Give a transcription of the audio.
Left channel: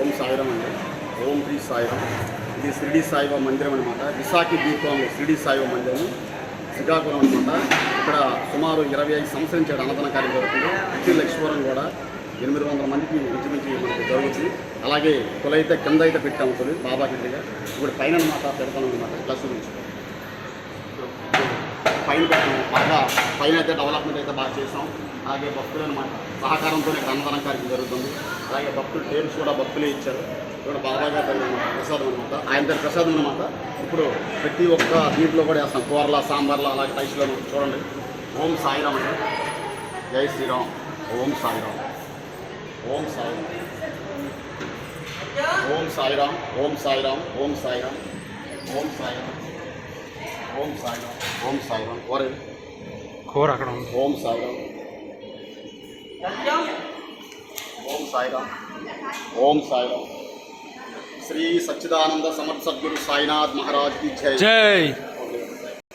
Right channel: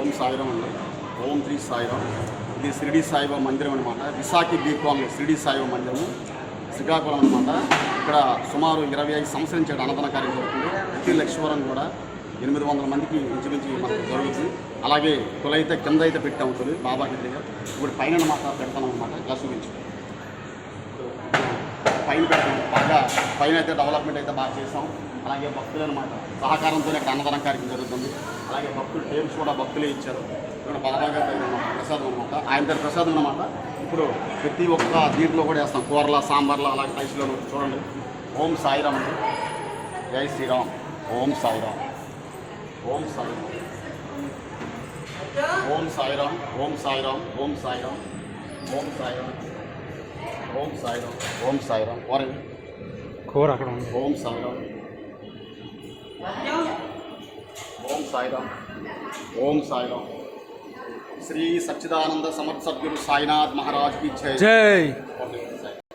ఓం సాయిరామ్ అండి. ఓం శ్రీ సాయిరామ్. ఇది షిరిడి సాయిబాబా మందిరం అనమాట. విశాఖి దీపంలో షిరిడి సాయిబాబా మందిరం శ్రీకాకుళం అనమాట. ఇక్కడ సుమారు 25 సంవత్సరం నుంచి అన్నదాన కార్యం జరుగుతుంది. ప్రతి లక్ష్మీవరం కూడా 800 మందికి ఇంచుమించి మనకు జరుగుతుంది. అలాగే తొలైతే కింద అయితే పెట్టాము తొలి బాబాకి దగ్గర. ఇప్పుడు పైన అనమాట పెడతాం అనమాట. ఇలా చూపించు పైన పెట్టాము. బాగా పైన అయితే డెవలప్మెంట్ అయితే బాగా చేసాం. అలాగే భక్తులు అనమాట సహకారంతో ఇక్కడ అన్నదానం కార్యక్రమం జరుగుతుంది. అలాగే భక్తులు టేబుల్స్ కూడా భక్తులే ఇచ్చారు. ఇక్కడ బాబా గారి అనమాట ప్రసాదం అనమాట. ఆయన దగ్గర ప్రసాదం అనమాట. ఇప్పుడు ప్రతి ఒక్క దీంట్లో కూడా వేస్తాం. కూరల సాంబార్లు అలాగే రైస్లో చూడండి. ఓం సాయిరామ్ అండి. జై శ్రీరామ్. ఓం సాయిరామ్. ఓం సాయిరామ్. ఓం సాయిరామ్. ఓం సాయిరామ్. ఓం సాయిరామ్. ఓం సాయిరామ్. ఓం సాయిరామ్. ఓం సాయిరామ్. కూర అక్కడ ఉంది. ఓం సాయిరామ్. ఓం సాయిరామ్. ఓం సాయిరామ్. శ్రీ సచ్చిదానంద సమర్థ సద్గురు సాయినాథ్ మహారాజ్ की जय. జై.